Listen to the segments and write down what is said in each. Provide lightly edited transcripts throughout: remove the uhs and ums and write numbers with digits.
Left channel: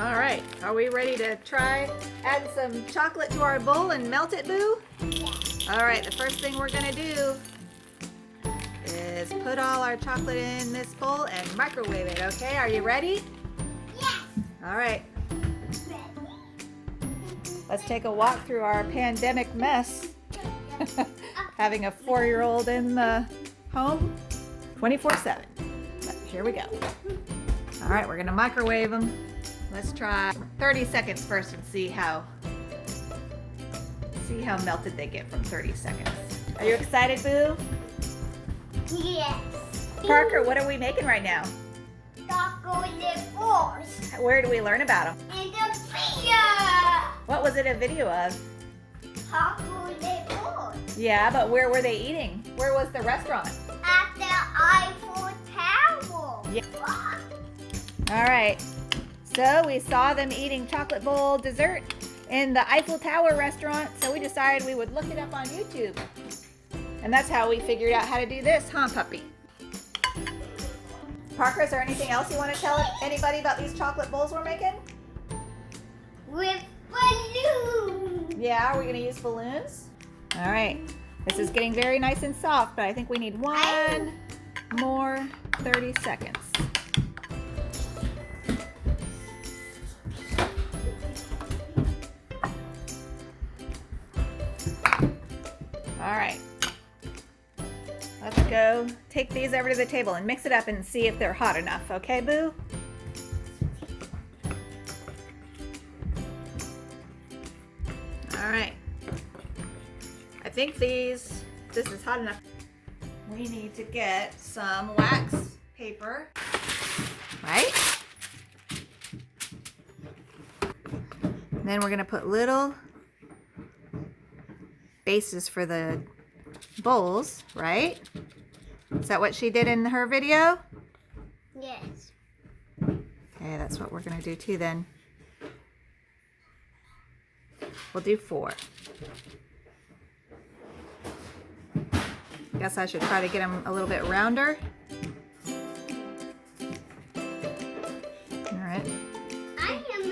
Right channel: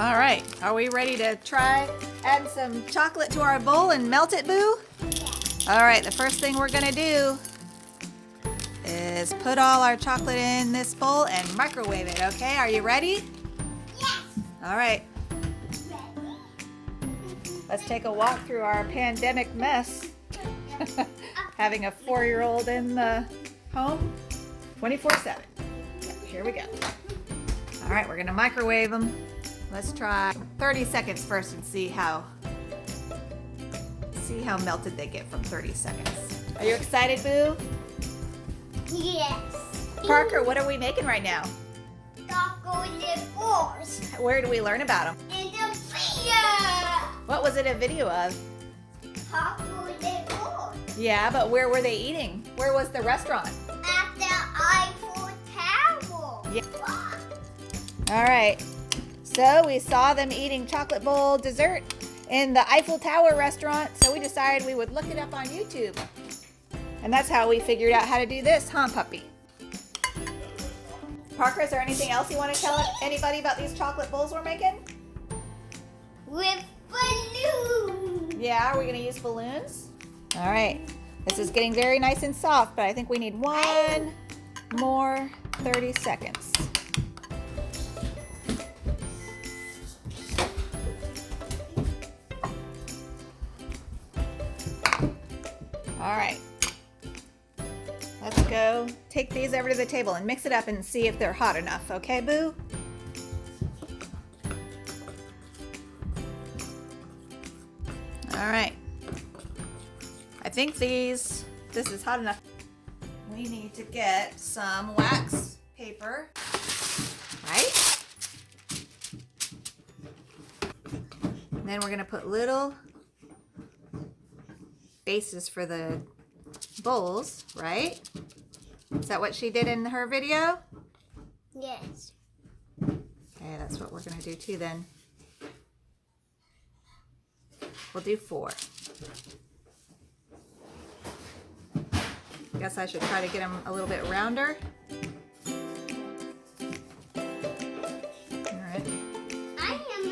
All right, are we ready to try add some chocolate to our bowl and melt it, Boo? All right, the first thing we're gonna do is put all our chocolate in this bowl and microwave it, okay? Are you ready? Yes. All right. Let's take a walk through our pandemic mess. Having a 4-year-old in the home 24/7. Right, here we go. All right, we're gonna microwave them. Let's try 30 seconds first and see how melted they get from 30 seconds. Are you excited, Boo? Yes. Parker, what are we making right now? Chocolate balls. Where do we learn about them? In the video. What was it a video of? Chocolate balls. Yeah, but where were they eating? Where was the restaurant? At the Eiffel Tower. Yeah. All right. So we saw them eating chocolate bowl dessert in the Eiffel Tower restaurant, so we decided we would look it up on YouTube. And that's how we figured out how to do this, huh, puppy? Parker, is there anything else you want to tell anybody about these chocolate bowls we're making? With balloons. Yeah, are we going to use balloons? All right. This is getting very nice and soft, but I think we need one more 30 seconds. All right. Let's go take these over to the table and mix it up and see if they're hot enough. Okay, Boo? All right. I think this is hot enough. We need to get some wax paper, right? And then we're gonna put little bases for the bowls, right? Is that what she did in her video? Yes. Okay, that's what we're gonna do too then. We'll do 4. Guess I should try to get them a little bit rounder. All right. I am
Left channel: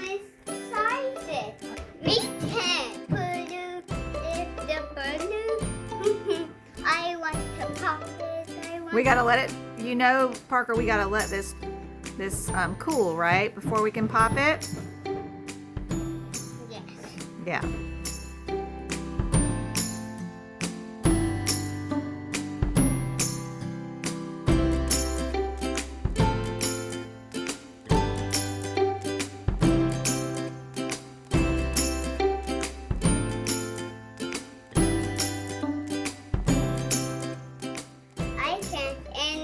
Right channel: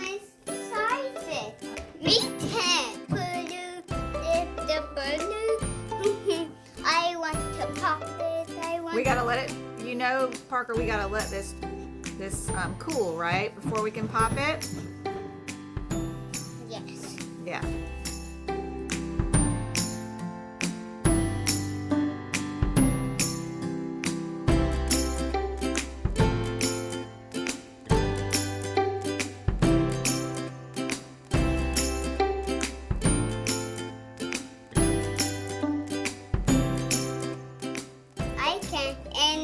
excited. Me too. Balloon is the balloon. I want to pop it. We gotta let it, Parker, we gotta let this cool, right? Before we can pop it? Yes. Yeah.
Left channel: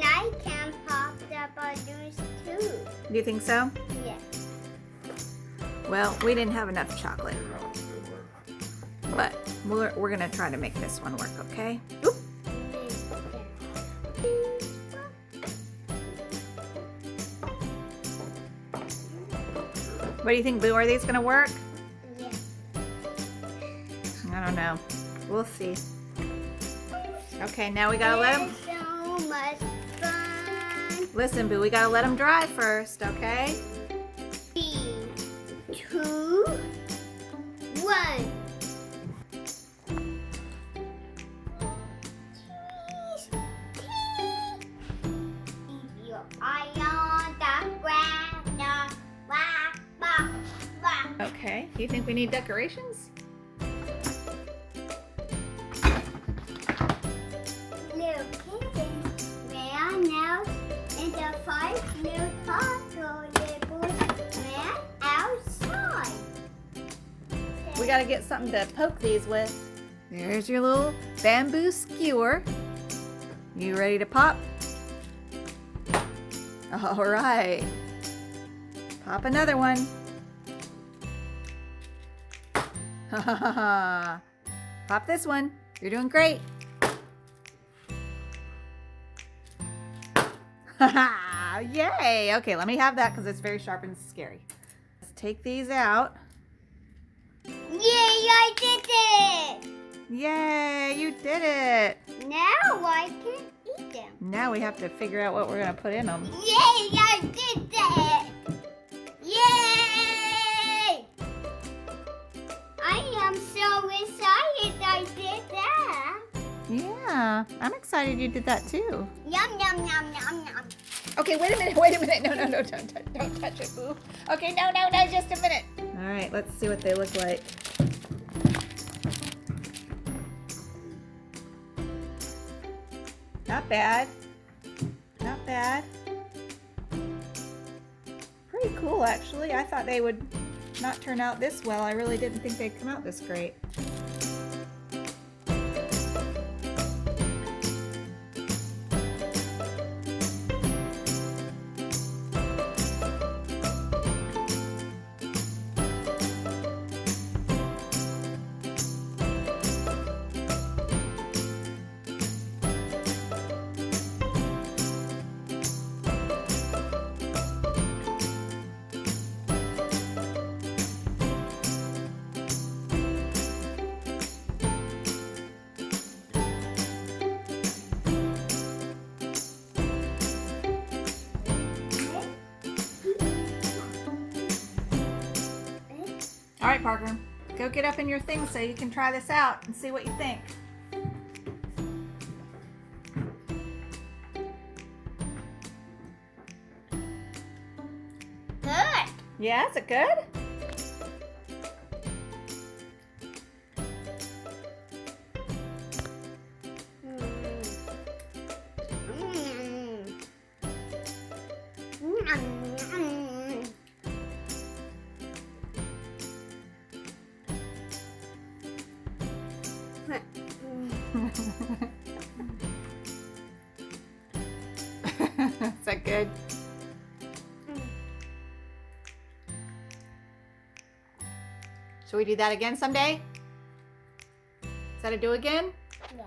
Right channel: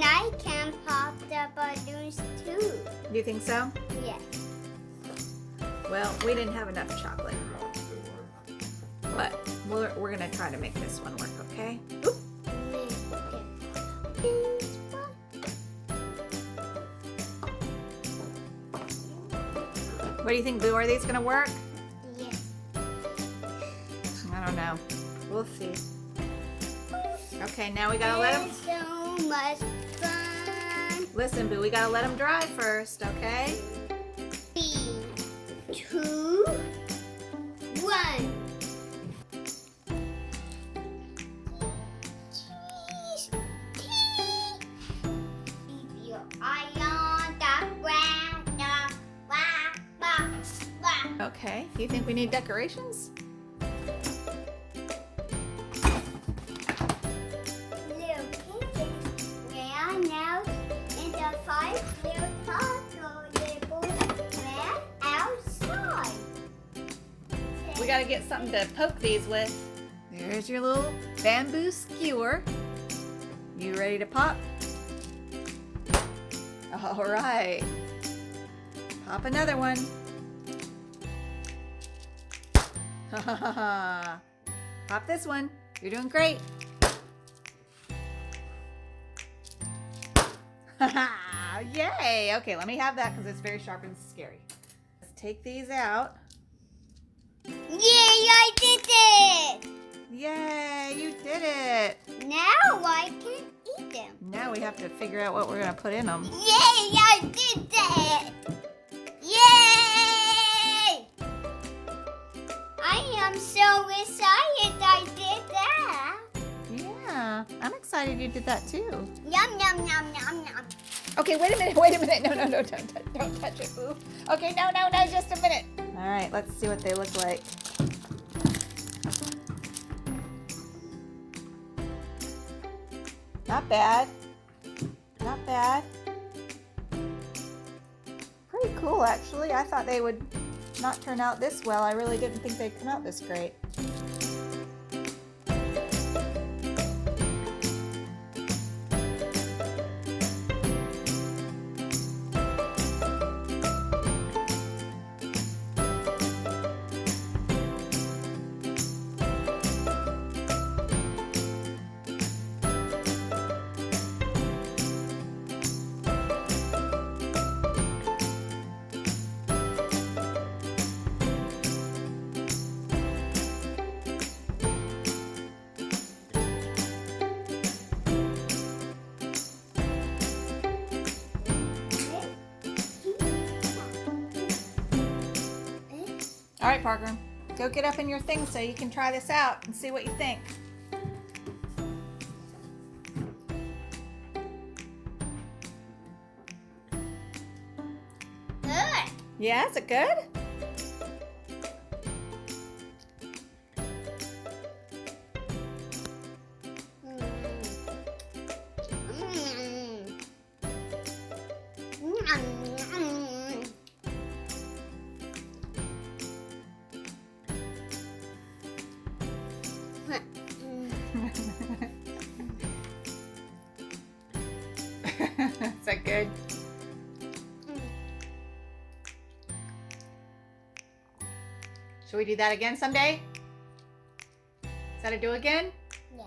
I can pop the balloons too. Do you think so? Yes. Well, we didn't have enough chocolate. But we're gonna try to make this one work, okay? Oop. What do you think, Boo? Are these gonna work? Yes. I don't know. We'll see. Okay, now we gotta let them... So much fun. Listen, Boo, we gotta let them dry first, okay? 3, 2, 1. Keep your eye on the ground. Whack, whack, whack. Okay. Do you think we need decorations? Little kittens, they are now in the 5 little tables ran outside. We gotta get something to poke these with. There's your little bamboo skewer. You ready to pop? All right. Pop another one. Pop this one. You're doing great. Yay! Okay, let me have that because it's very sharp and scary. Let's take these out. Yay, I did it! Yay, you did it! Now I can eat them. Now we have to figure out what we're gonna put in them. Yay, I did it! Yay! I'm excited you did that too. Yum, yum, yum, yum, yum. Okay, wait a minute, wait a minute. No, don't touch it, boo. Okay, no, just a minute. All right, let's see what they look like. Not bad. Not bad. Pretty cool, actually. I thought they would not turn out this well. I really didn't think they'd come out this great. All right, Parker, go get up in your thing so you can try this out and see what you think. Good. Yeah, is it good? Is that good? Should we do that again someday? Is that a do again? Yeah.